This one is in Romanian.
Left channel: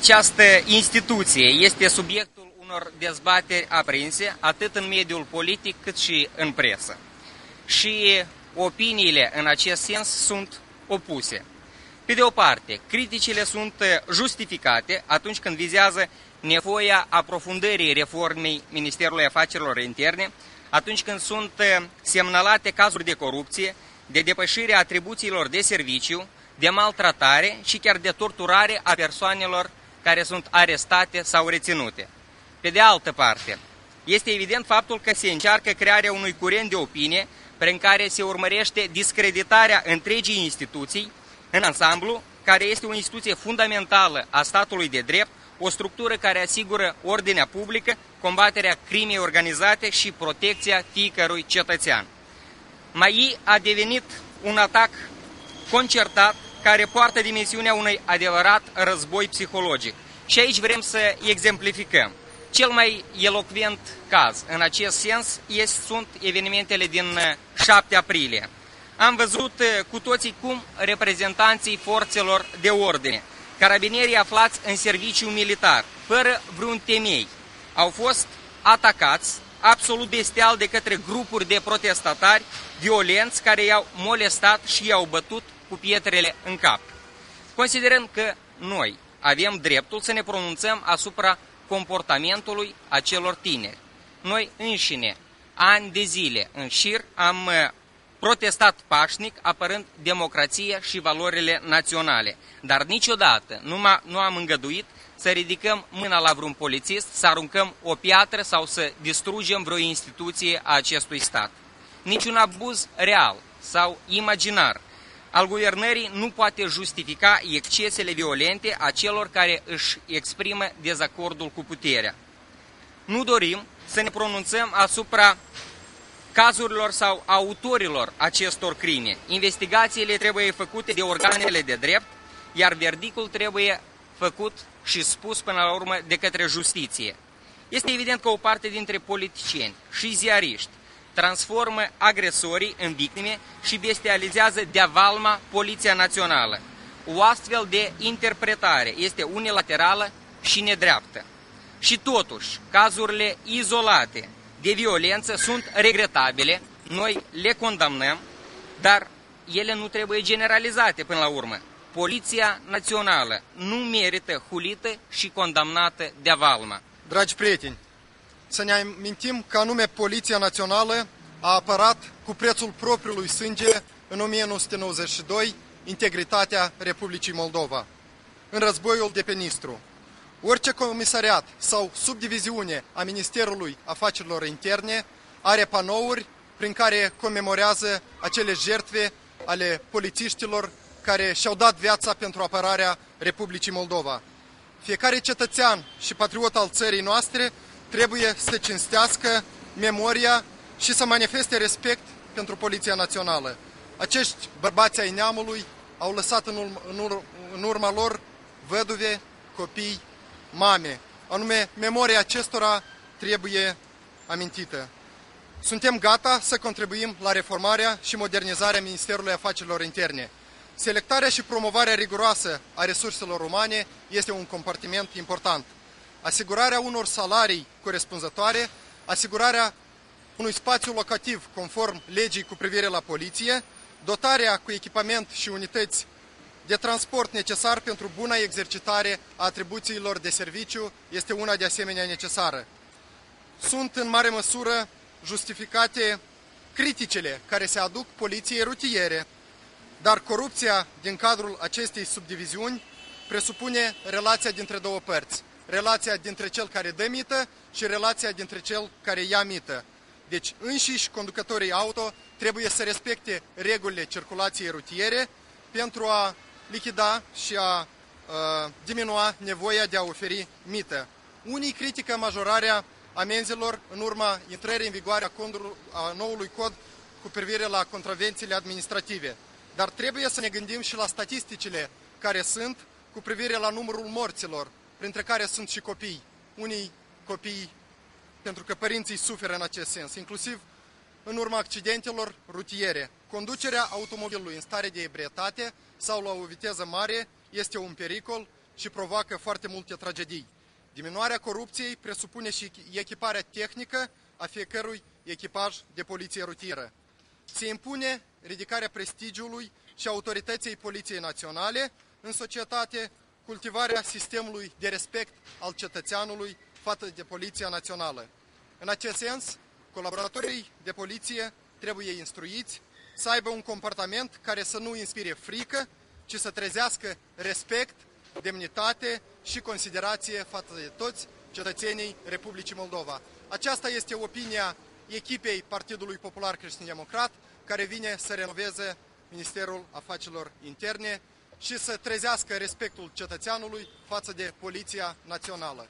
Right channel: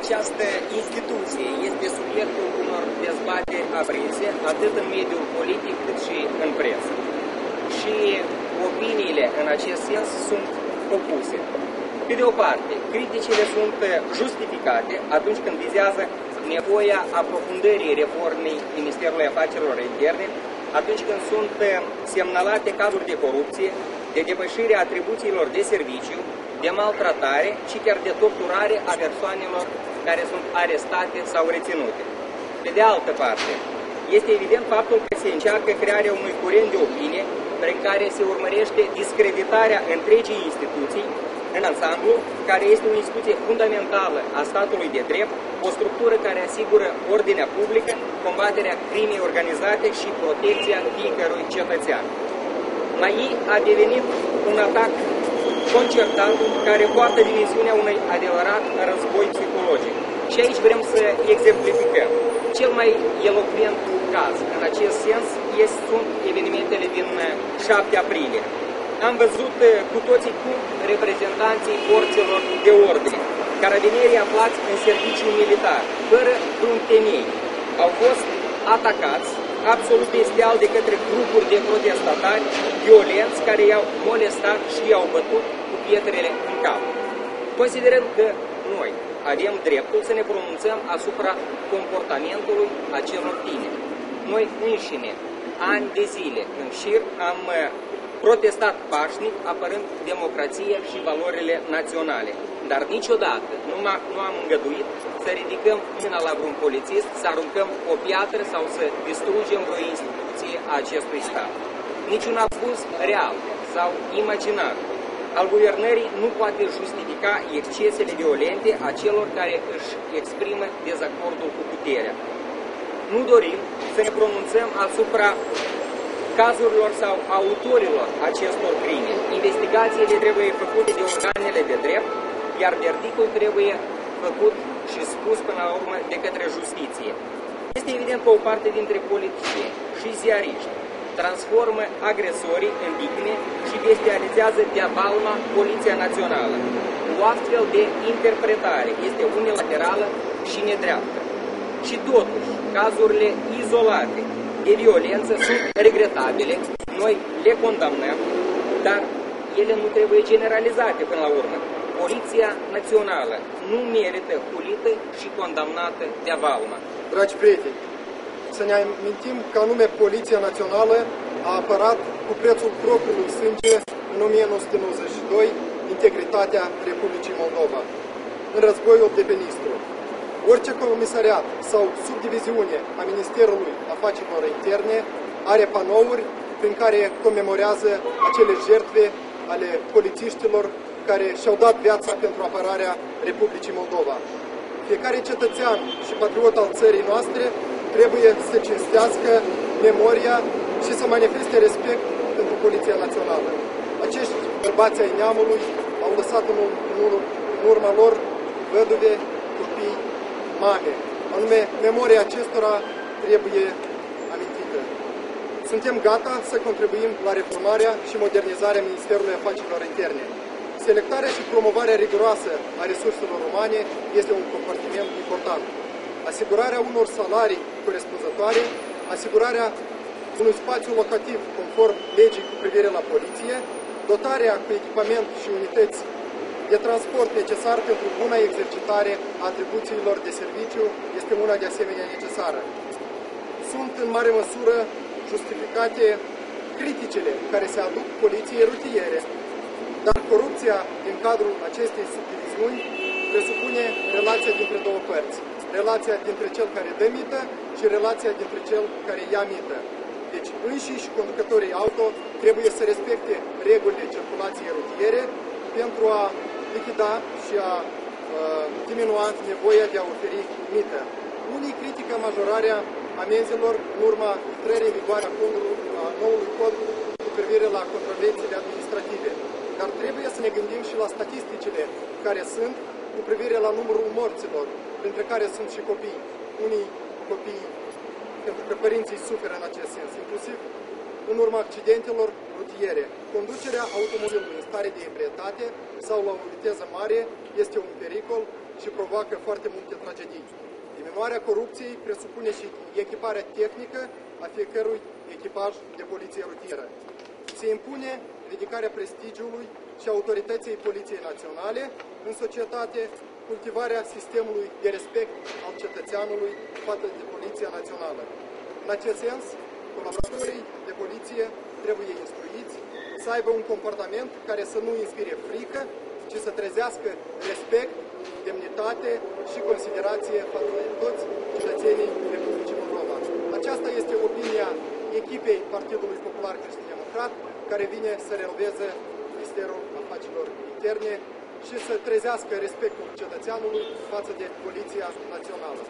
Această instituție este subiectul unor dezbateri aprinse, atât în mediul politic cât și în presă. Și opiniile în acest sens sunt opuse. Pe de o parte, criticile sunt justificate atunci când vizează nevoia aprofundării reformei Ministerului Afacerilor Interne, atunci când sunt semnalate cazuri de corupție, de depășire a atribuțiilor de serviciu, de maltratare și chiar de torturare a persoanelor care sunt arestate sau reținute. Pe de altă parte, este evident faptul că se încearcă crearea unui curent de opinie prin care se urmărește discreditarea întregii instituții în ansamblu, care este o instituție fundamentală a statului de drept, o structură care asigură ordinea publică, combaterea crimei organizate și protecția fiecărui cetățean. Mai a devenit un atac concertat care poartă dimensiunea unui adevărat război psihologic. Și aici vrem să exemplificăm. Cel mai elocvent caz în acest sens sunt evenimentele din 7 aprilie. Am văzut cu toții cum reprezentanții forțelor de ordine, carabinierii aflați în serviciu militar, fără vreun temei, au fost atacați absolut bestial de către grupuri de protestatari violenți care i-au molestat și i-au bătut cu pietrele în cap. Considerând că noi avem dreptul să ne pronunțăm asupra comportamentului acelor tineri. Noi înșine, ani de zile în șir, am protestat pașnic, apărând democrația și valorile naționale. Dar niciodată nu am îngăduit să ridicăm mâna la vreun polițist, să aruncăm o piatră sau să distrugem vreo instituție a acestui stat. Niciun abuz real sau imaginar al guvernării nu poate justifica excesele violente a celor care își exprimă dezacordul cu puterea. Nu dorim să ne pronunțăm asupra cazurilor sau autorilor acestor crime. Investigațiile trebuie făcute de organele de drept, iar verdictul trebuie făcut și spus până la urmă de către justiție. Este evident că o parte dintre politicieni și ziariști transformă agresorii în victime și bestializează de-a valma Poliția Națională. O astfel de interpretare este unilaterală și nedreaptă. Și totuși, cazurile izolate de violență sunt regretabile, noi le condamnăm, dar ele nu trebuie generalizate până la urmă. Poliția Națională nu merită hulită și condamnată de-a valmă. Dragi prieteni, să ne amintim că anume Poliția Națională a apărat cu prețul propriului sânge în 1992 integritatea Republicii Moldova, în războiul de pe Nistru. Orice comisariat sau subdiviziune a Ministerului Afacerilor Interne are panouri prin care comemorează acele jertfe ale polițiștilor care și-au dat viața pentru apărarea Republicii Moldova. Fiecare cetățean și patriot al țării noastre trebuie să cinstească memoria și să manifeste respect pentru Poliția Națională. Acești bărbați ai neamului au lăsat în urma lor văduve, copii, mame. Anume, memoria acestora trebuie amintită. Suntem gata să contribuim la reformarea și modernizarea Ministerului Afacerilor Interne. Selectarea și promovarea riguroasă a resurselor umane este un compartiment important. Asigurarea unor salarii corespunzătoare, asigurarea unui spațiu locativ conform legii cu privire la poliție, dotarea cu echipament și unități de transport necesar pentru buna exercitare a atribuțiilor de serviciu este una de asemenea necesară. Sunt în mare măsură justificate criticile care se aduc poliției rutiere, dar corupția din cadrul acestei subdiviziuni presupune relația dintre două părți. Relația dintre cel care dă mită și relația dintre cel care ia mită. Deci înșiși conducătorii auto trebuie să respecte regulile circulației rutiere pentru a lichida și a diminua nevoia de a oferi mită. Unii critică majorarea amenzilor în urma intrării în vigoare a noului cod cu privire la contravențiile administrative. Dar trebuie să ne gândim și la statisticile care sunt cu privire la numărul morților, printre care sunt și copii. Unii copii, pentru că părinții suferă în acest sens, inclusiv în urma accidentelor rutiere. Conducerea automobilului în stare de ebrietate sau la o viteză mare este un pericol și provoacă foarte multe tragedii. Diminuarea corupției presupune și echiparea tehnică a fiecărui echipaj de poliție rutieră. Se impune ridicarea prestigiului și autorității Poliției Naționale în societate, cultivarea sistemului de respect al cetățeanului față de Poliția Națională. În acest sens, colaboratorii de poliție trebuie instruiți să aibă un comportament care să nu inspire frică, ci să trezească respect, demnitate și considerație față de toți cetățenii Republicii Moldova. Aceasta este opinia echipei Partidului Popular Creștin-Democrat, care vine să renoveze Ministerul Afacerilor Interne și să trezească respectul cetățeanului față de Poliția Națională.